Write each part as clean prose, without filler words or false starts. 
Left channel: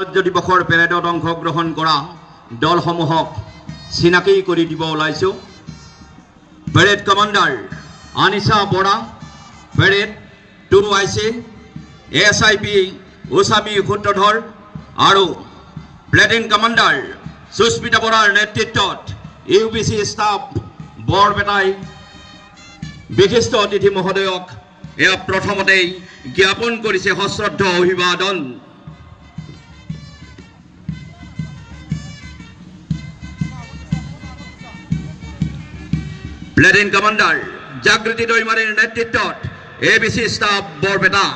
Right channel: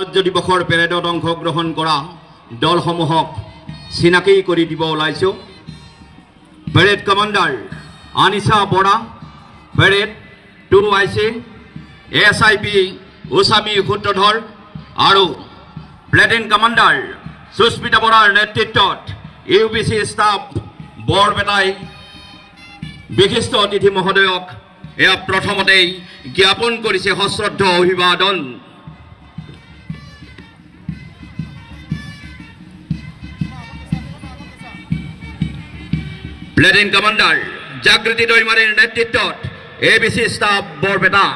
গণৰাজ্য দিৱসৰ পেৰেডত অংশগ্ৰহণ কৰা দলসমূহক চিনাকি কৰি দিব ওলাইছো। পেৰেড কমাণ্ডাৰ আনিছা Bora, parade 2IC ASIP Usami সূত্ৰধৰ আৰু প্লেটিন কমাণ্ডাৰ সুস্মিতা বৰাৰ নেতৃত্বত UBC ষ্টাফ বৰপেটাই বিশিষ্ট অতিথি মহোদয়ক এয়া প্ৰথমতেই জ্ঞাপন কৰিছে সশ্ৰদ্ধ অভিবাদন। প্লেটিন কমাণ্ডাৰ জাগৃতি দৈমাৰীৰ নেতৃত্বত ABC staff Barpeta.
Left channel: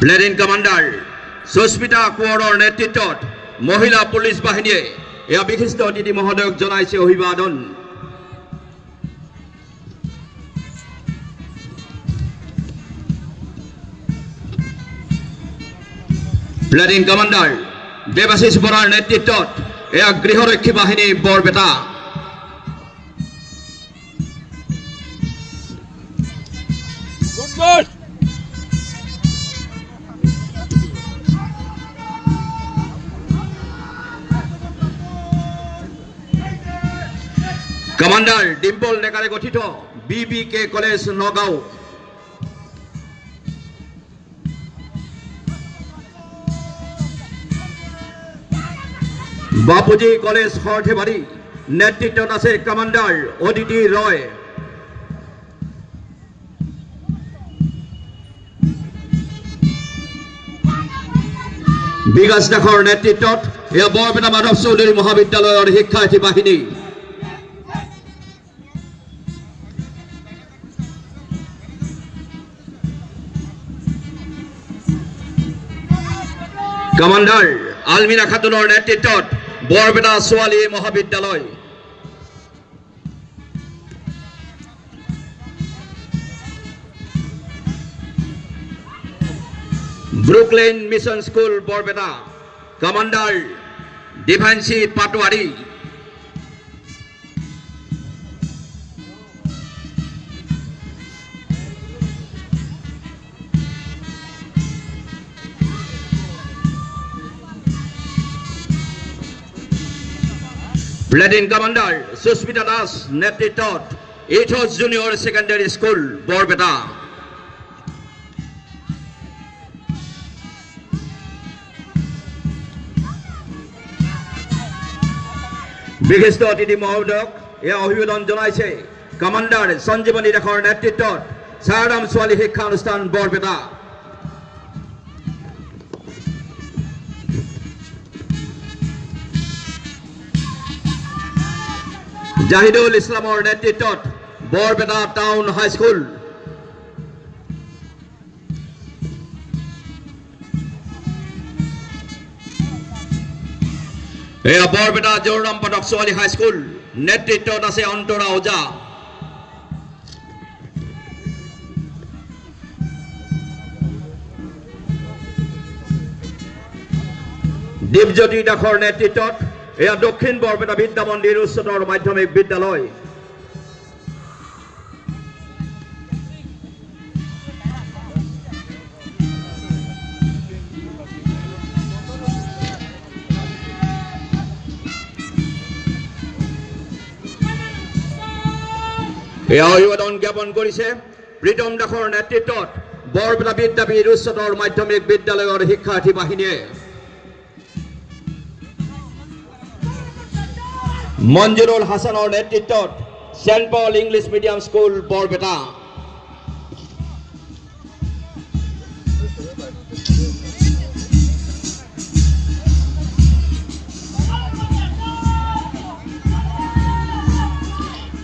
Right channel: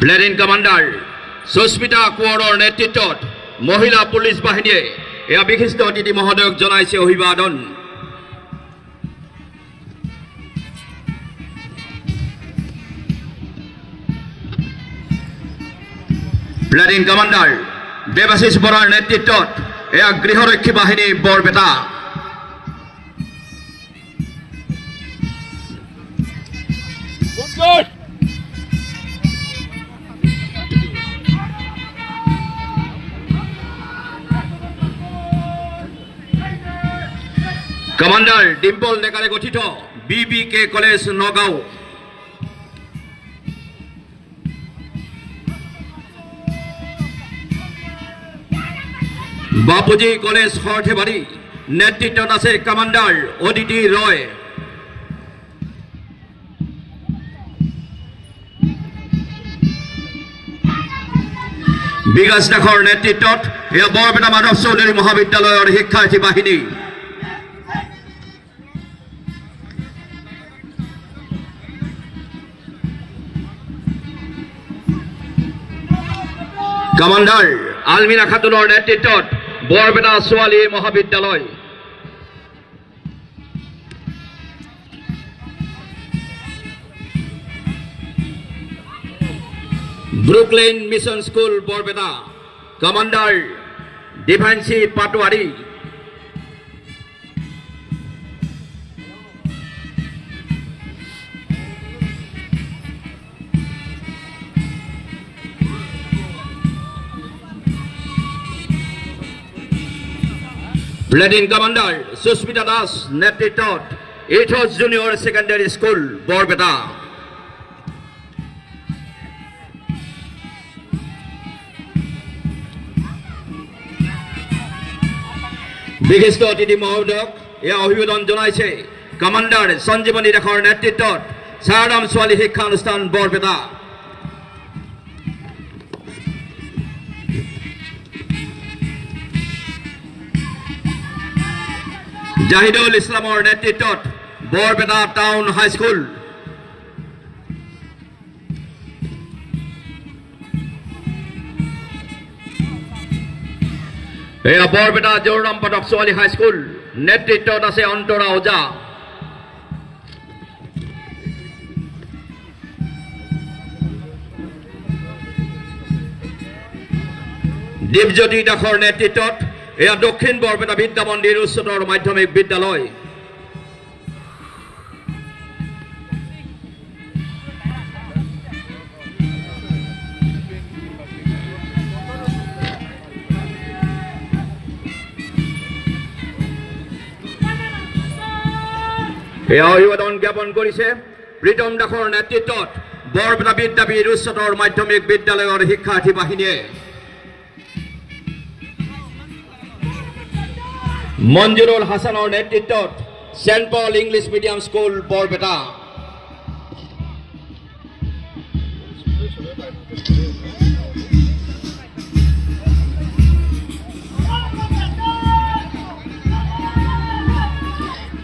Platoon commander Sushmita কোঁৱৰৰ নেতৃত্বত মহিলা পুলিচ বাহিনীয়ে এয়া বিশিষ্ট অতিথি মহোদয়ক জনাইছে অভিবাদন। প্লেটিন কমাণ্ডাৰ দেৱাশিষ বৰাৰ নেতৃত্বত এয়া গৃহৰক্ষী বাহিনী বৰপেটা। কমাণ্ডাৰ ডিম্পল ডেকাৰে গঠিত BBK college Nagaon. Bapuji college Sarthebari, নেতৃত্বত আছে কমাণ্ডাৰ অদিতি ৰয়। বিকাশ দাসৰ নেতৃত্বত এয়া বৰপেটা মাধৱ চৌধুৰী মহাবিদ্যালয়ৰ শিক্ষাৰ্থী বাহিনী। কমাণ্ডাৰ আলমিনা খাতুনৰ নেতৃত্বত বৰপেটা ছোৱালী মহাবিদ্যালয়। Brooklyn mission school Barpeta, commander ডিভাইনসি পাটোৱাৰী। প্লেটিন কমাণ্ডাৰ সুস্মিতা দাস নেতৃত্বত ইথছ জুনিয়ৰ ছেকেণ্ডাৰী স্কুল বৰপেটা। বিশিষ্ট অতিথি মহোদয়ক এয়া অভিবাদন জনাইছে কমাণ্ডাৰ সঞ্জীৱনী দাসৰ নেতৃত্বত চাৰাম ছোৱালী শিক্ষানুষ্ঠান বৰপেটা। জাহিদুল ইছলামৰ নেতৃত্বত বৰপেটা টাউন হাইস্কুল। এয়া বৰপেটা জোৰৰাম পদক ছোৱালী হাইস্কুল, নেতৃত্বত আছে অন্তৰা ওজা। দীপজ্যোতি দাসৰ নেতৃত্বত এয়া দক্ষিণ বৰপেটা বিদ্যা মন্দিৰ উচ্চতৰ মাধ্যমিক বিদ্যালয়। এয়া অভিবাদন জ্ঞাপন কৰিছে প্ৰীতম দাসৰ নেতৃত্বত বৰপেটা বিদ্যাপীঠ উচ্চতৰ মাধ্যমিক বিদ্যালয়ৰ শিক্ষাৰ্থী বাহিনীয়ে। মঞ্জুৰুল হাছানৰ নেতৃত্বত Saint Paul English medium school Barpeta.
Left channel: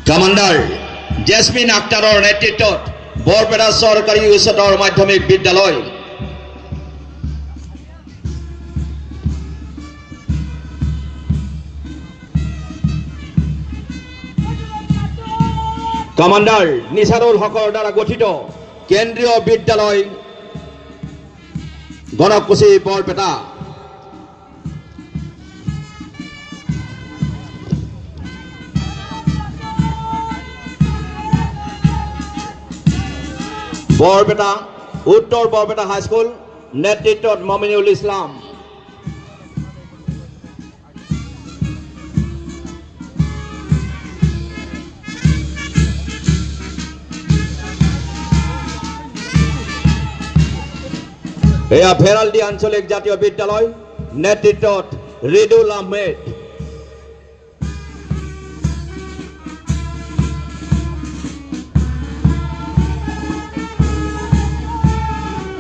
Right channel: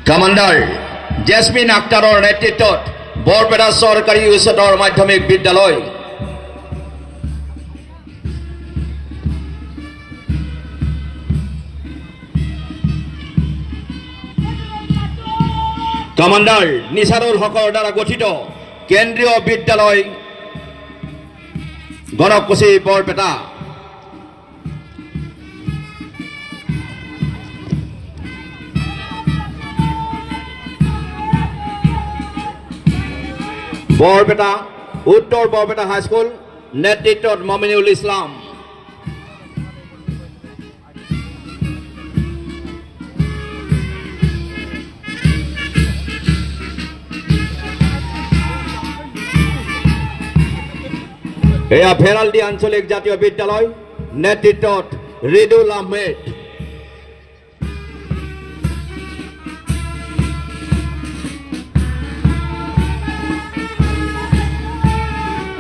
Commander Jesmin আক্তাৰৰ নেতৃত্বত বৰপেটা চৰকাৰী উচ্চতৰ মাধ্যমিক বিদ্যালয়। কমাণ্ডাৰ নিচাৰুল হকৰ দ্বাৰা গঠিত কেন্দ্ৰীয় বিদ্যালয় গণকুচি বৰপেটা। বৰপেটা উত্তৰ বৰপেটা হাইস্কুল নেতৃত্বত মমিনুল ইছলাম এয়া ভেৰালডি আঞ্চলিক জাতীয় বিদ্যালয় নেতৃত্বত ৰিদুল আহমেদ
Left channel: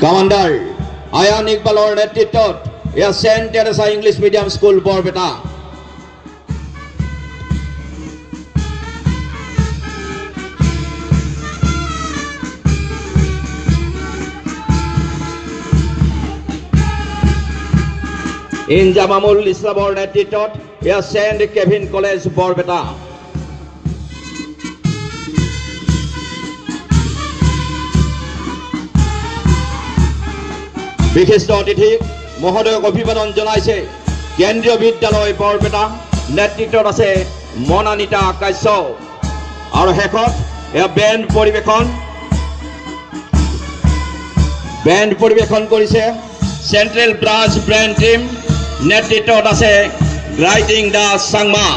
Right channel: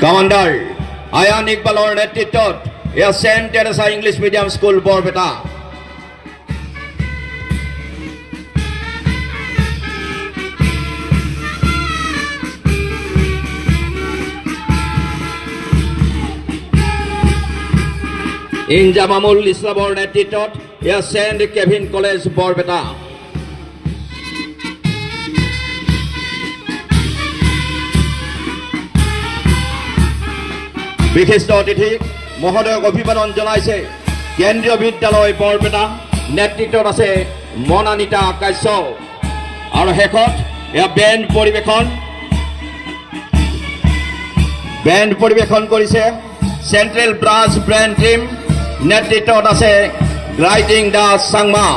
কমান্ডাৰ আয়ান ইকবালৰ নেতৃত্বত এয়া saint Teresa English medium school Barpeta Inzamamul ইছলামৰ নেতৃত্বত এয়া সেন্ট কেভিন কলেজ বৰপেটা বিশিষ্ট অতিথি মহোদয়ক অভিবাদন জনাইছে কেন্দ্ৰীয় বিদ্যালয় বৰপেটা নেতৃত্বত আছে মনানিতা কাশ্যপ আৰু শেষত এয়া বেণ্ড পৰিৱেশন কৰিছে চেন্ট্ৰেল ব্ৰাঞ্চ ব্ৰেণ্ড টিম নেতৃত্বত আছে ৰাইটিং দাস চাংমা